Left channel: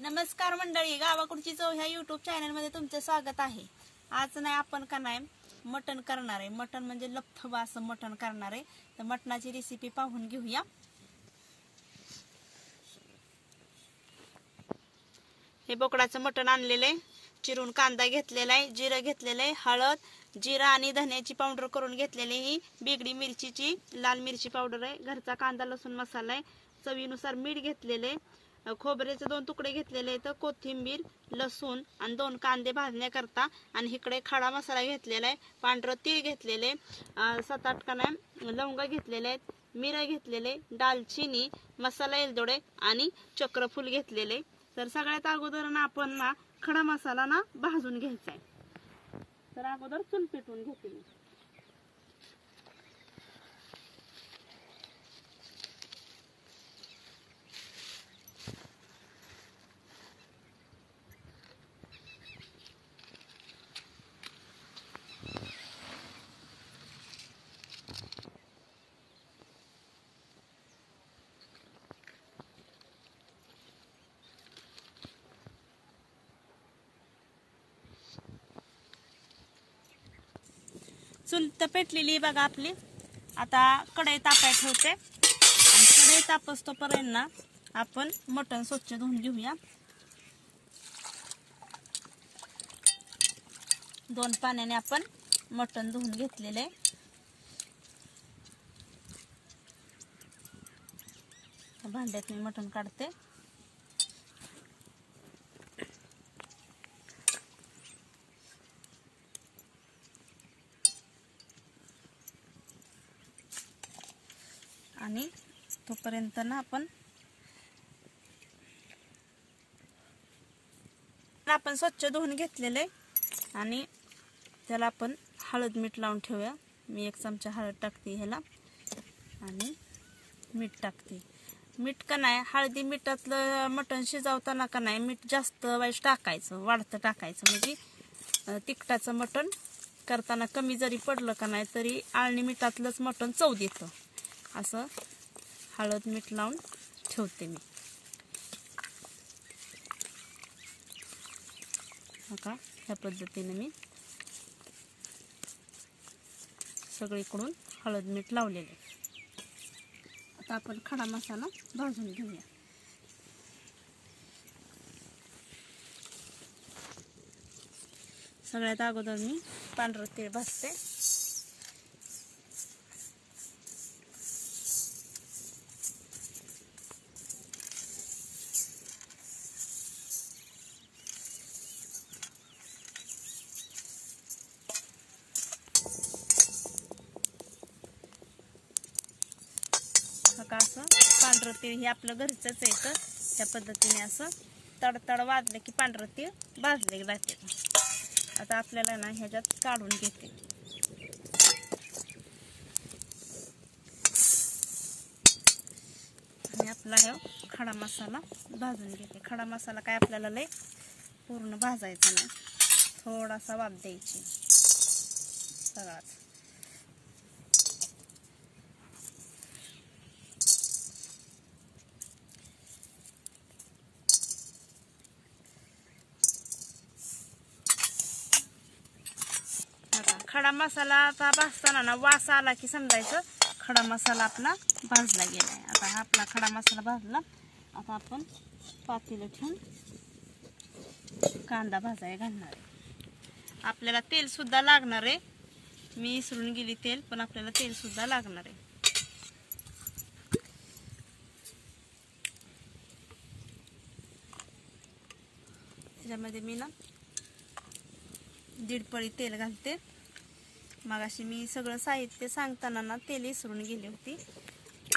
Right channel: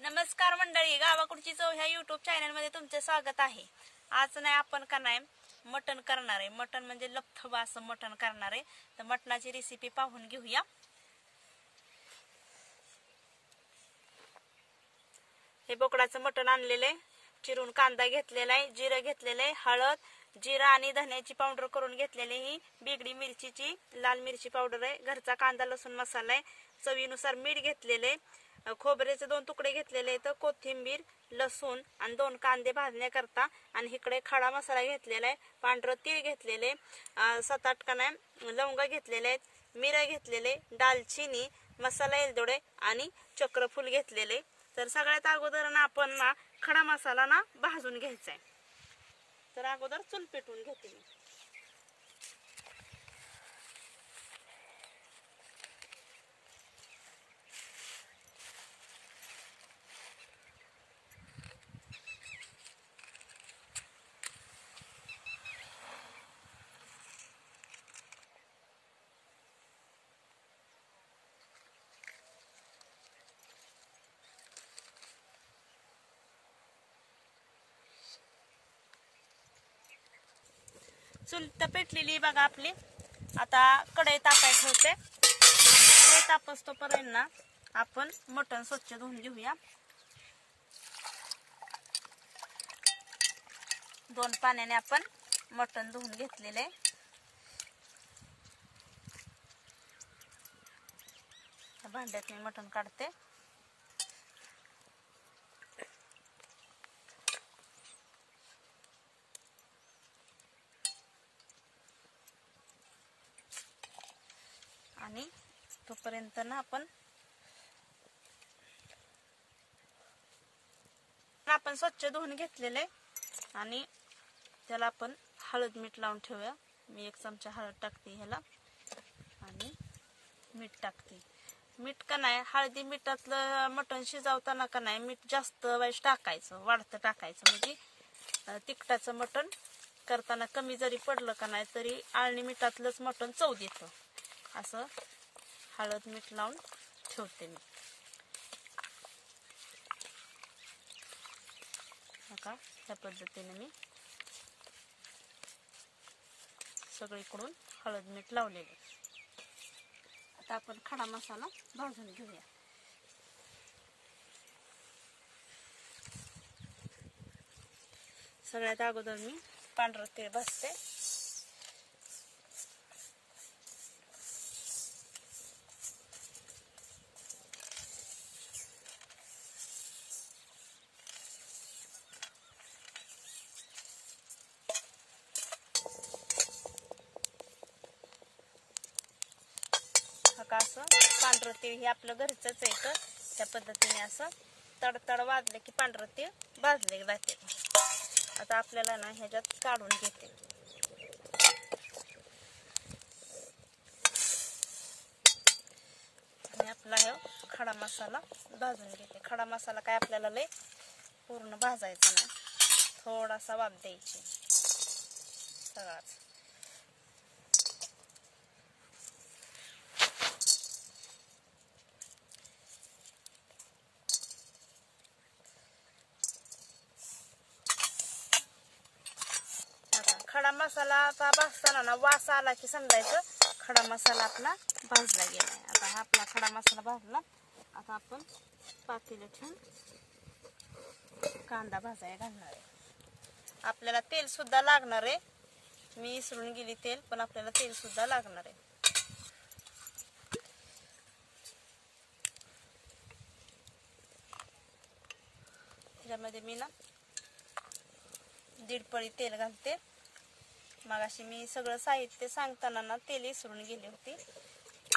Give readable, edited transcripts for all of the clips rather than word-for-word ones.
नमस्कार मंडळी, गावाकडची चव ह्या युट्यूब चॅनल मध्ये तुमचे स्वागत आहे। आज नाही आपण का नाही मटण करणार आहे। मटण म्हणजे लपथबा असं मटण करणार आहे। तर मटणाची रेसिपी पाहून घेऊया। हे बोकडाचं मटण आणलेलं आहे, चिरून कांदा घेतलेला आहे, जिरं घेतलेलं आहे, हळद, जिरा आणि धन्याची पावडर करून घेतलेली, ही बिगडी मिरचीची लाल मिरची पावडर आहे, घरचा कांदा लसूण मसाला आहे, चवीनुसार मीठ घेतलेले, खोबऱ्याचे 2 तुकडे घेतलेले आहेत, कोथिंबीर, लसूण आणि 2 कांदे भाजण्याकरता, आणि इकडे खडा मसाला घेतलेला आहे, पांढरं तीळ घेतलेले, 7-8 काना लवंगा घेतलेले आहेत, मिरं घेतलेले, दालचिनी, मसाला एलदोडे आणि चक्रफूल घेतलेले। तर सगळ्यात अगोदर ना आपण ना खडा मसाला ना भाजून घ्यायचा आहे। तर अगोदर चूल पेटवून घेते मी। चूल तर पेटलेली बघा आपली। आता कढई तापायला ठेवते, कढई तापस तोपर्यंत ना आपण मटण स्वच्छ धुवून घेऊया। 2 पाण्याने आपण मटण धुवून घेतलेले। भांड्यात मी मटण काढते। आणि तोपर्यंत ना आपण स्वच्छ धुवून घेतलेले, आणि त्याला आपण हळद मीठ लावून ठेवूया। मी 1 चमचा हळद टाकते ह्याला, आणि मीठ टाकते। मीठ का नाही, हळदी मिठातलं मटण शिजवताना का नाही मीठ जास्त वाईज टाकायचं, वाढतं टाकायचं, म्हणजे तिखटाचं मटण करताना कमी जरी पडलं का नाही तरी आळणी मिठातलंच मटण चव देतं। असं हळद मीठ लावून ठेवते मी। बघा ह्या पद्धतीने मी सगळीकडून हळद मीठ लावलेले। आता आपण खडा मसाला भाजून घेऊया। सगळ्यात अगोदर मी पांढरं तीळ भाजते। असं पांढरं तीळ हे आपलं घरचंच आहे, तर त्या पद्धतीने असं तडतड वाजले की पांढरं तीळ भाजले जाते। आता आपल्याला ना ह्याच्यात काढून घेते। आणि आपला खडा मसाला भाजून घेते। खडा मसाला काय आपल्याला लय पूर्ण भाजायचा नाही, थोडासा वाफ द्यायची सगळाच। खडा मसाला आता भाजताना ना वास आला की समजायचं खडा मसाला आपला भाजला गेलाय। आता हा आपला खडा मसाला भाजला। आता आपण पातेलं ठेवून कांदा भाजायला घालणार आहे। आपल्याला तेल सुद्धा लागणार आहे, मी विसरून गेली तेल, पण आपल्याला तेल सुद्धा लागणार आहे। त्यामध्ये मी ना 1.5 पळी तेल घालते। मगाशी मी सगळं साहित्य सांगताना ना तेल विसरून गेले होते,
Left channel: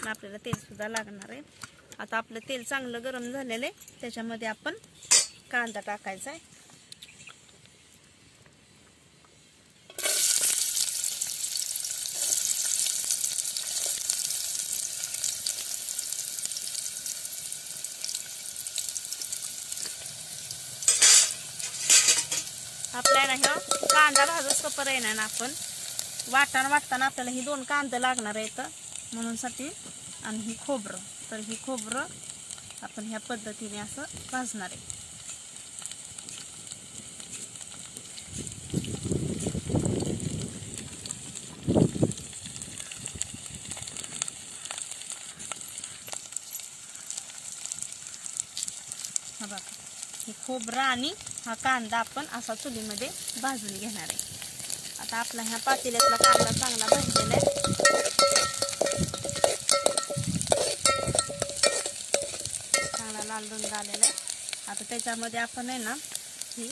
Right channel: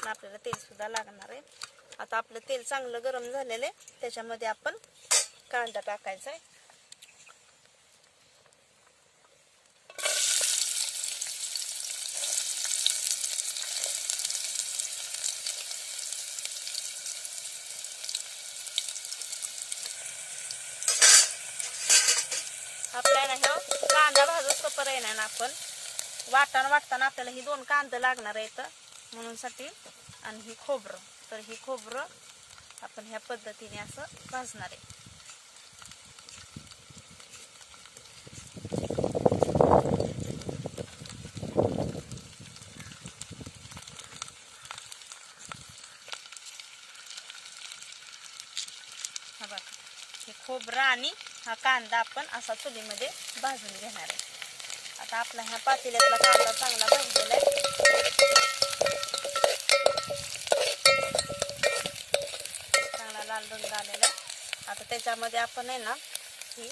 आपल्याला तेल सुद्धा लागणार आहे। आता आपलं तेल चांगलं गरम झालेलं आहे, त्याच्यामध्ये आपण कांदा टाकायचा। आपल्याला हा कांदा भाजूस पर्यंत ना आपण वाटताना आपल्याला ही 2 कांदे लागणार आहेत म्हणून साठी, आणि ही खोबरं, तर ही खोबरं आपण ह्या पद्धतीने असं भाजणार आहे. हा बघा, हे खोबरं आणि हा कांदा आपण असा चुलीमध्ये भाजून घेणार आहे. आता आपला हा पातेल्यातला कांदा चांगला भाजलेला आहे. चांगला लाल रंग आलेला आहे. आता त्याच्यामध्ये आपण आहे ना ही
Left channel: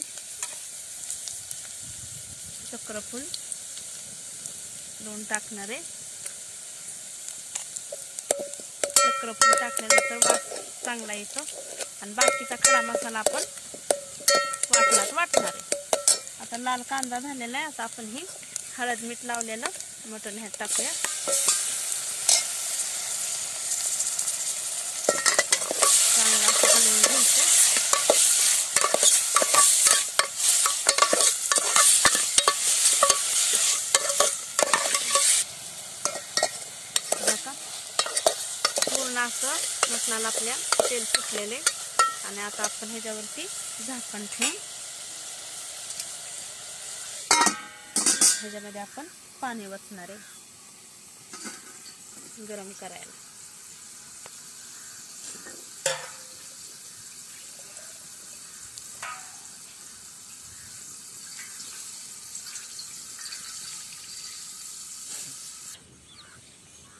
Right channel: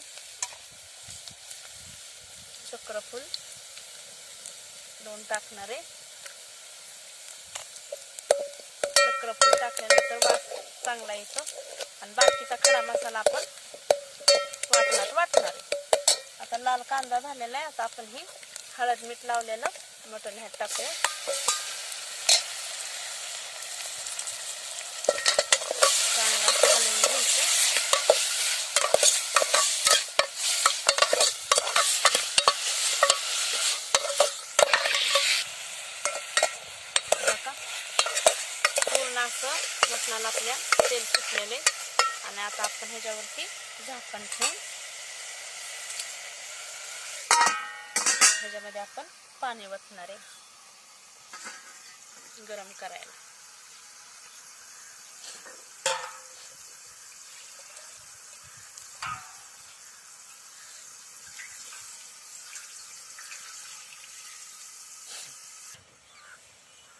चक्रफूल 2 टाकणार आहे. चक्रफूल टाकल्यानंतर चांगला येतो आणि बाकीचा खडा मसाला आपण वाटणार आहे. आता लाल कांदा झालेला आहे. आता आपण ही हळद मीठ लावलेलं मटण ह्यात टाकूया. चांगलं असं हलवून घ्यायचं. पूर्ण असं मटणाला आपल्या तेल सुटलेले आणि आता आपण ह्याच्यावरती झाकण ठेवून ह्याच्यामध्ये आपण पाणी ओतणार आहे गरम करायला.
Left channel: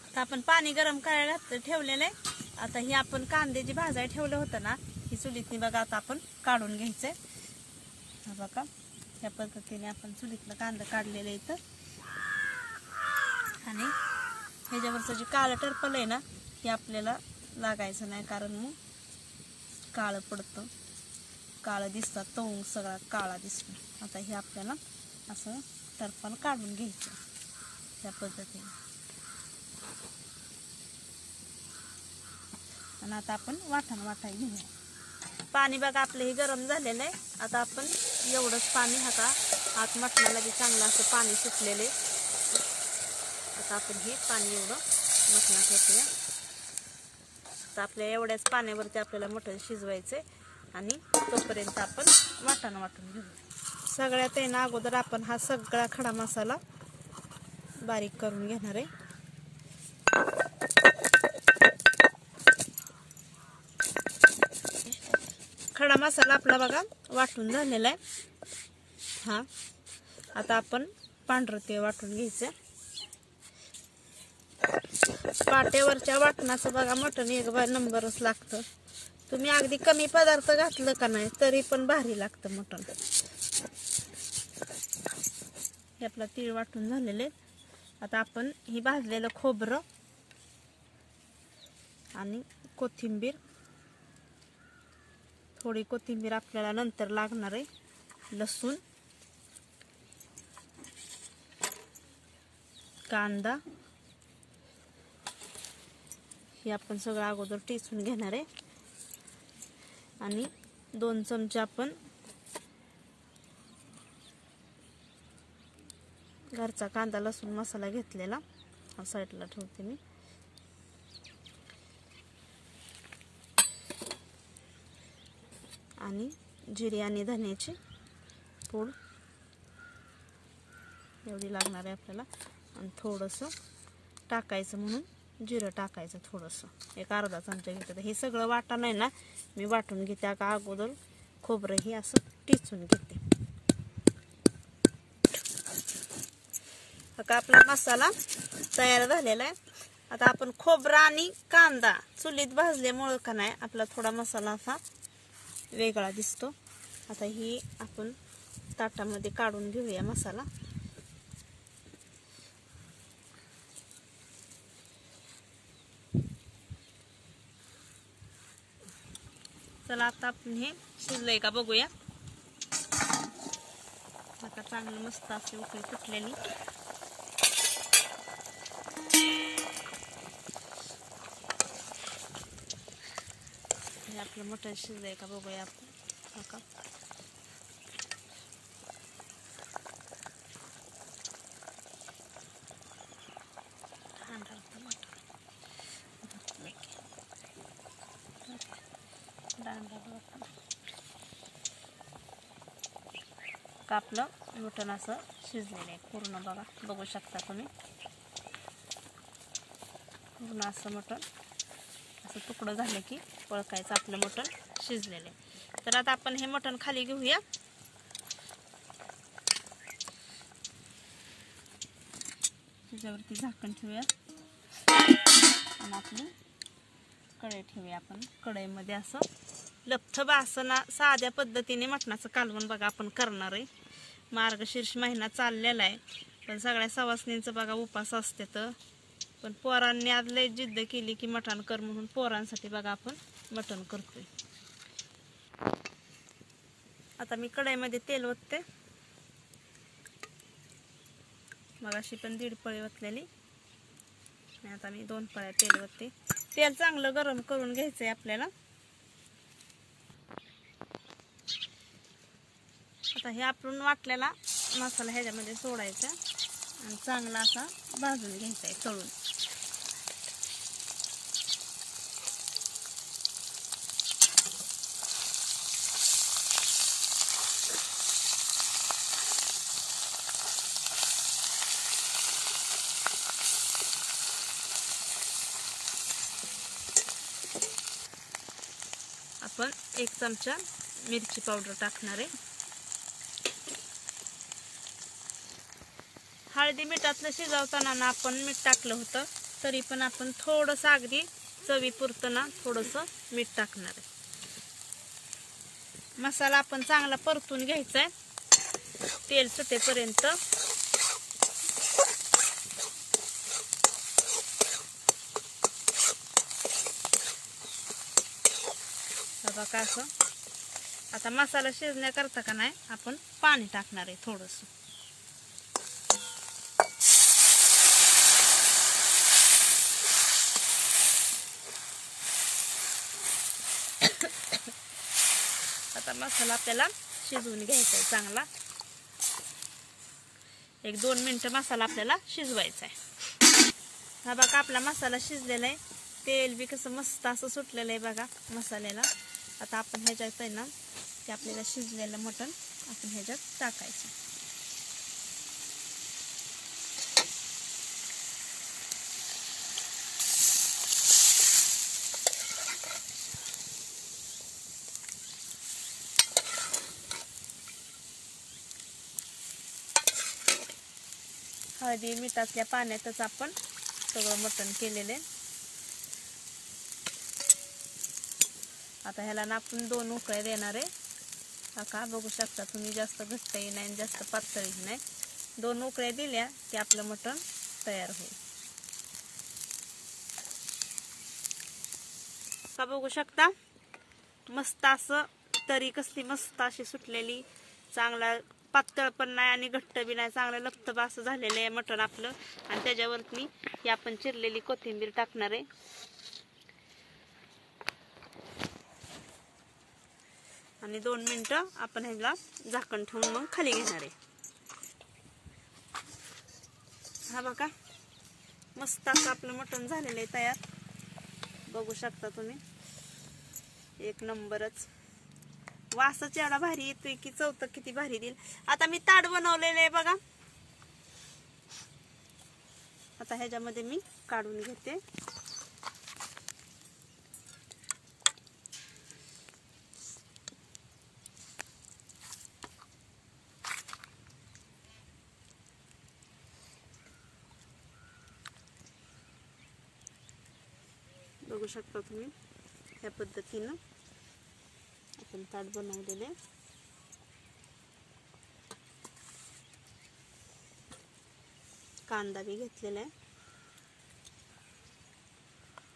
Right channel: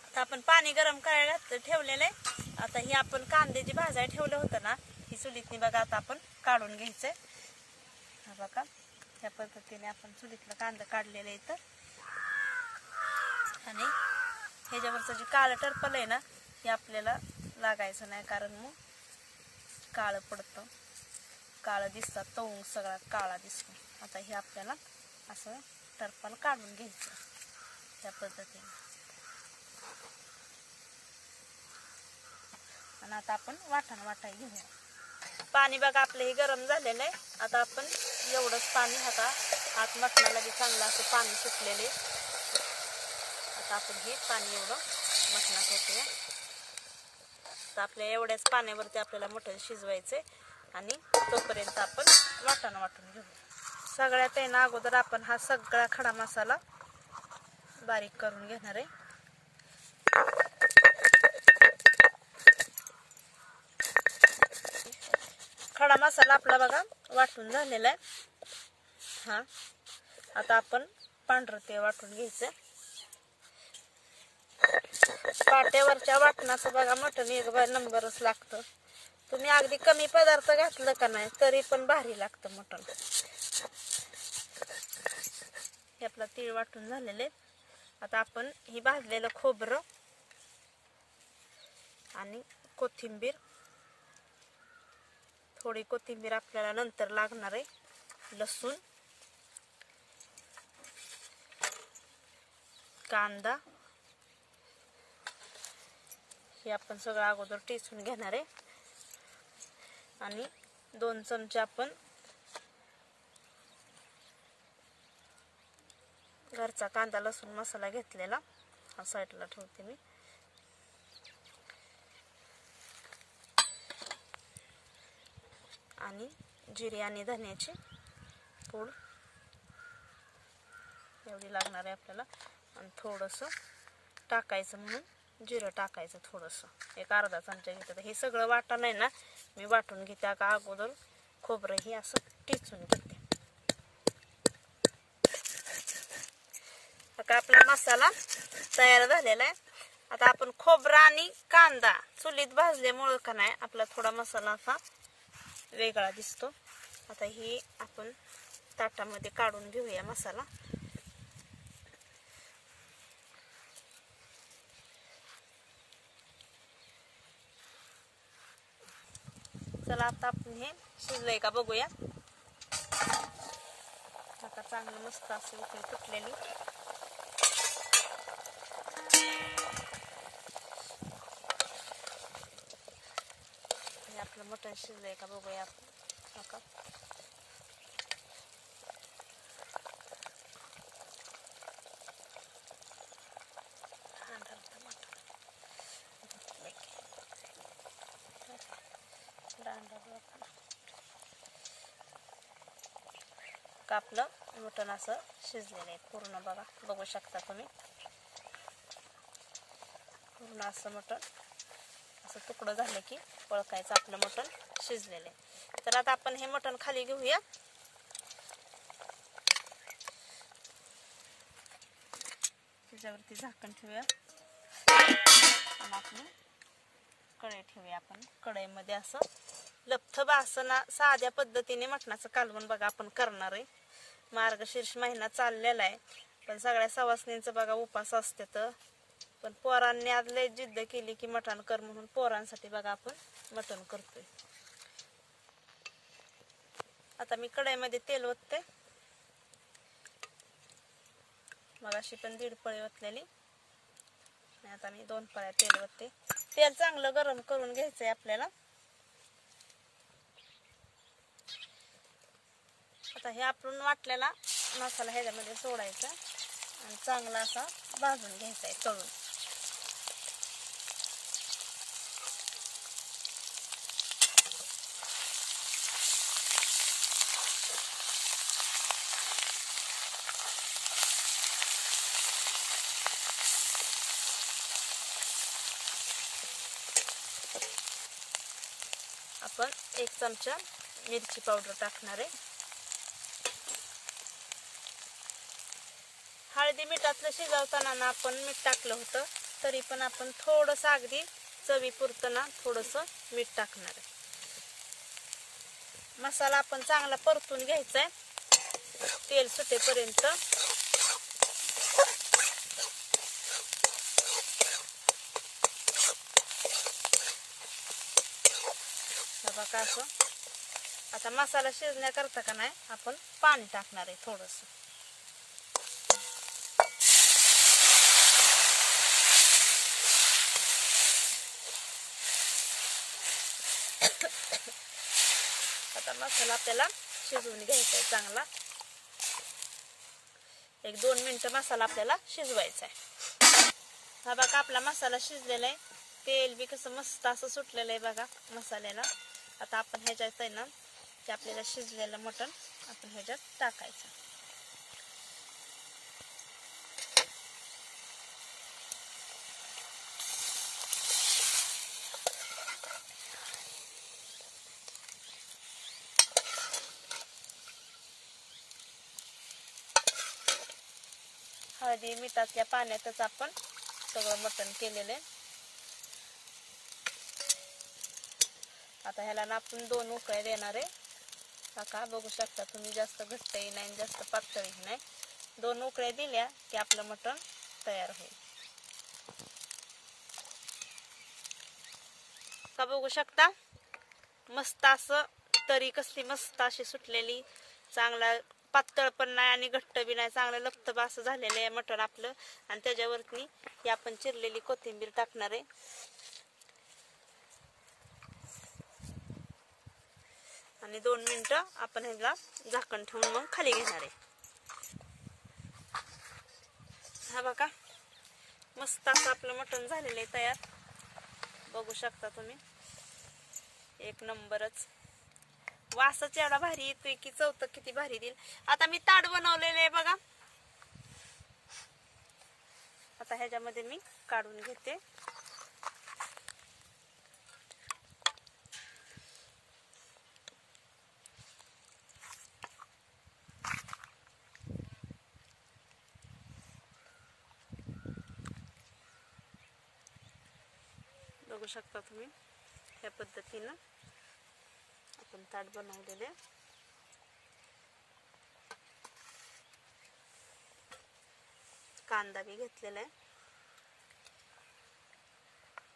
आता आपण पाणी गरम करायला ठेवलेलं आहे. आता ही आपण कांदे जी भाजायला ठेवले होते ना, ही चुलीतनी बघा आता आपण काढून घ्यायचंय. हा बघा, ह्या पद्धतीने आपण चुलीतलं कांदा काढलेलं इथं. आणि ह्याच्यावरचं जे काळं टरपल आहे ना, हे आपल्याला लागायचं नाही, कारण मग काळं पडतं, काळं दिसतात, तवंग सगळा काळा दिसतो. आता हे आपल्याला असं टरपल काढून घ्यायचं ह्या पद्धतीने. आणि आता आपण वाटाय घेऊया. पाणी बघा आपलं हे गरम झालेलं आहे. आता आपण एवढंच पाणी आत मटणाला बी चांगलं असं पाणी सुटलेले. आता आपण हे पाणी एवढं मटणात होतं. तर आपल्या एवढ्याच पाण्यावरती आपल्याला मटण शिजवायचे आणि तोपर्यंत आपण वाटून घेऊया. सगळ्यात आहे ना अगोदर आपण हा सगळा खडा मसाला बारीक करून घेणार आहे. खडा मसाला आपला बघा वाटून झालेला आहे. हा आता आपण पांढरं तेल वाटून घ्यायचं. पाट्यावरच्या वाटणाचं बघा मटण एक नंबरच लागतं. तुम्ही अगदी कमी पदार्थ घातलं का नाही तरी पण भारी लागतं मटण. हे आपला तीळ वाटून झालेले. आता आपण ही भाजलेलं खोबरं आणि कोथिंबीर, थोडी कोथिंबीर आपल्याला नंतर लागणार आहे, लसूण, कांदा, हे आपण सगळं अगोदर टेचून घेणार आहे. आणि 2 चमचे आपण घरचा कांदा लसूण मसाला घेतलेला, हा साईडला ठेवते मी. आणि जिरे आणि धन्याची पूड एवढी लागणार आहे आपल्याला. आणि थोडंसं टाकायचं म्हणून जिरं टाकायचं, थोडंसं एक अर्धा चमचा घेते. हे सगळं वाटण आहे ना मी वाटून घेते का अगोदर खोबरं हे असं टिचून घेते. आता आपला मसाला तयार झालेला आहे. आता आपण खोबरं आणि कांदा चुलीत भाजल्यामुळं का नाही आपला थोडा मसाला असा वेगळा दिसतो. आता ही आपण ताटामध्ये काढून घेऊया मसाला. चला आता आपण हे शिजलंय का बघूया. आता चांगलं मस्त असे उकळी फुटलेली. आपलं मटण शिजलंय का बघूया आपण. का आपलं मटण असं शिजलेलं आहे पूर्ण. बघू शकता तुम्ही पूर्ण असं मटण असं तुकडं झालं की ओळखायचं आपलं मटण शिजलेलं आहे. तर आता आपण हे मटण खाली घेऊया. त्याच्यावरती झाकण ठेवूया आणि आपली कढई ठेवूया. आपण कढईमध्ये असं लपथबा असं ना साध्या पद्धतीने मटणाचं कालवण बघा आपण करणार आहे. मार्गशीर्ष महिना चाललेला आहे, पण सगळ्या सवासनींचं बघा उपास असते. तर पण पोरांनी आज लय जिद्द केली की मटण कर म्हणून पोरांसाठी बघा आपण मटण करतोय. आता मी कढईमध्ये तेल ओतते. मगाशी पण 1.5 पळी ओतलेली, आता मी 2 पळ्या तेल ओतते. तेल चांगलं गरम करून घ्यायचंय आपल्याला. आता हे आपण वाटलेला मसाला ह्याच्यामध्ये सोडायचा आणि चांगला असा भाजून घ्यायचा आहे तळून. आपण 1 चमचा मिरची पावडर टाकणार आहे. हळदी मिठातलं शिजवताना ना आपण मीठ टाकलं होतं, तरी पण आपण थोडंसं अगदी चवीपुरतं ना थोडंसं मीठ टाकणार आहे. मसाला आपण चांगला परतून घ्यायचा आहे तेल सुटेपर्यंत. बघा असं. आता मसाला शिजण्याकरता का नाही आपण पाणी टाकणार आहे थोडंसं. आता मसाला आपल्याला शिजवून घ्यायचा आहे चांगला. 1-2 मिनिटं मसाला आपल्याला शिजवायचा आहे. हा बघा आपला मसाला शिजलेला आहे. तेल बी कसं मस्त असं सुटलेलं आहे बघा मसाल्याला. आता आपण ह्याच्यात आहे ना ते आपल्याला शिजलेलं मटण आपण ह्याच्यात टाकायचं. हळदी मिठातल्या पाण्यातच आपण सगळं मटण केलेलं आहे. आता ह्याला ना आपण 2 उकळ्या देणार आहे. का बघू शकता तुम्ही, जास्त घट्टही नाही जास्त पातळही नाही. 2 उकळ्या दिल्या की आपलं मटण तयार होईल. का बघू शकता मस्त असं तरी कसली मस्त अशी सुटलेली, चांगला पातळ पण नाही आणि घट्ट बी नाही, चांगलं लपतब असं झालेलं आहे मटण आपलं. आणि त्याच्यावरती ही आपण चिरलेली कोथिंबीर टाकणार आहे. आणि 2 मिनिटं आपण ह्याला झाकण ठेवून मग खाली घेणार आहे. हा बघा मस्त असं आपलं मटण झालेलं आहे तयार. बघू शकता तुम्ही, 1 नंबरच. वासच एवढा भारी येतोय की चव किती भारी देईल. आता मी ताट बनवलेलं आहे बघा. आता ह्याच्यामध्ये मी काढून घेते. बघू शकता तुम्ही या पद्धतीनं आपण ताट बनवलेले. कांदा बी घेतलेला आहे,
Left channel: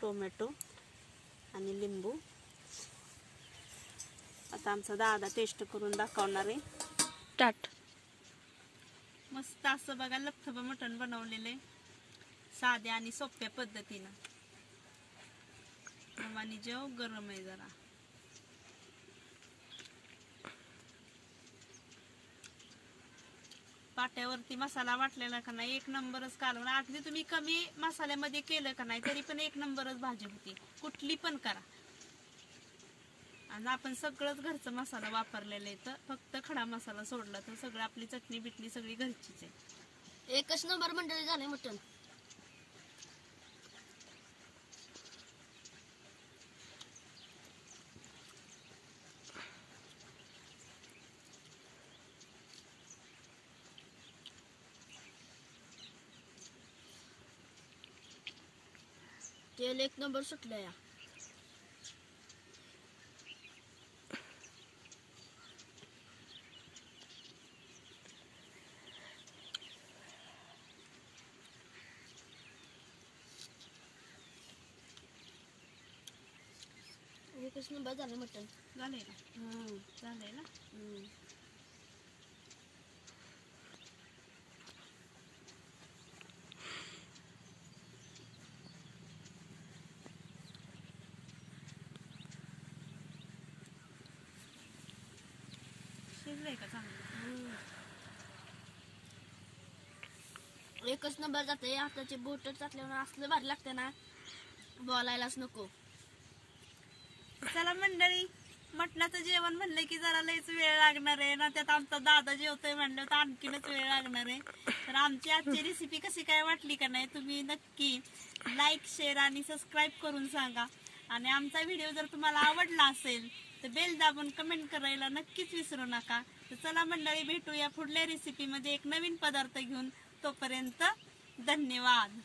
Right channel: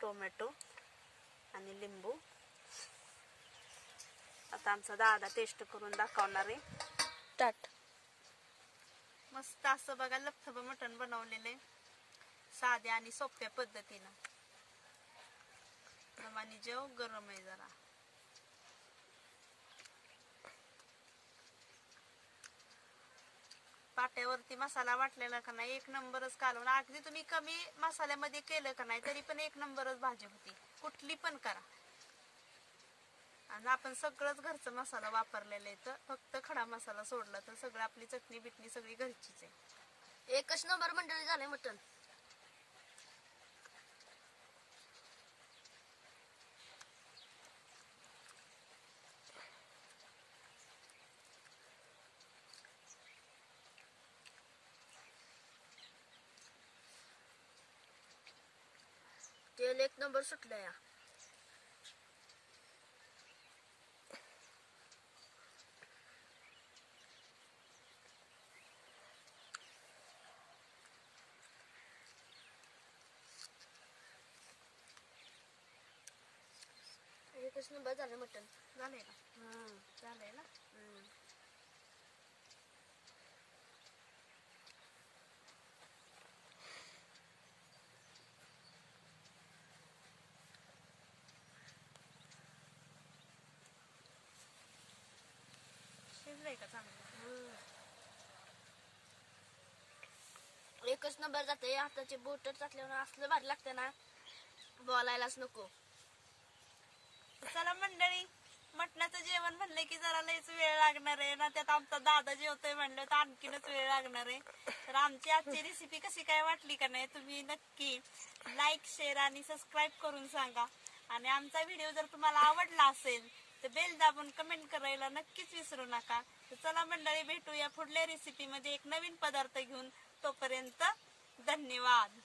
टोमॅटो आणि लिंबू. आता आमचा दादा टेस्ट करून दाखवणार आहे. ताट मस्त असं बघा लपथबा मटण बनवलेलं आहे साध्या आणि सोप्या पद्धतीनं. आणि जेव गरम आहे जरा. पाट्यावरती मसाला वाटलेला का नाही 1 नंबरच कालवण. अगदी तुम्ही कमी मसाल्यामध्ये केलं का नाही तरी पण 1 नंबरच भाजी होती. कुठली पण करा. आणि आपण सगळंच घरचा मसाला वापरलेला आहे, तर फक्त खडा मसाला सोडला तर सगळं आपली चटणी बिटणी सगळी घरचीच आहे. एकच नंबर मंडळी झाले मटण. तेल एक नंबर सुटलं या. एकच नंबर झालं मटण. झालंय ना? झालंय ना? शिजलंय का चांगलं? एकच नंबर जाते. हाताची बोट टाकल्यावर असलं भारी लागते ना, बोलायलाच नको. चला मंडळी, मटणाचं जेवण म्हणलं की जरा लयच वेळ लागणार आहे ना, त्यात आमचा दादा जेवतोय म्हणलं तर आणखीनच वेळ लागणार आहे. तर आमची आजची रेसिपी कशी काय वाटली का नाही, तुम्ही नक्की लाईक, शेअर आणि सबस्क्राईब करून सांगा. आणि आमचा व्हिडिओ जर तुम्हाला आवडला असेल तर बेल दाबून कमेंट करायला नक्कीच विसरू नका. तर चला मंडळी, भेटूया पुढल्या रेसिपीमध्ये एक नवीन पदार्थ घेऊन. तोपर्यंत धन्यवाद.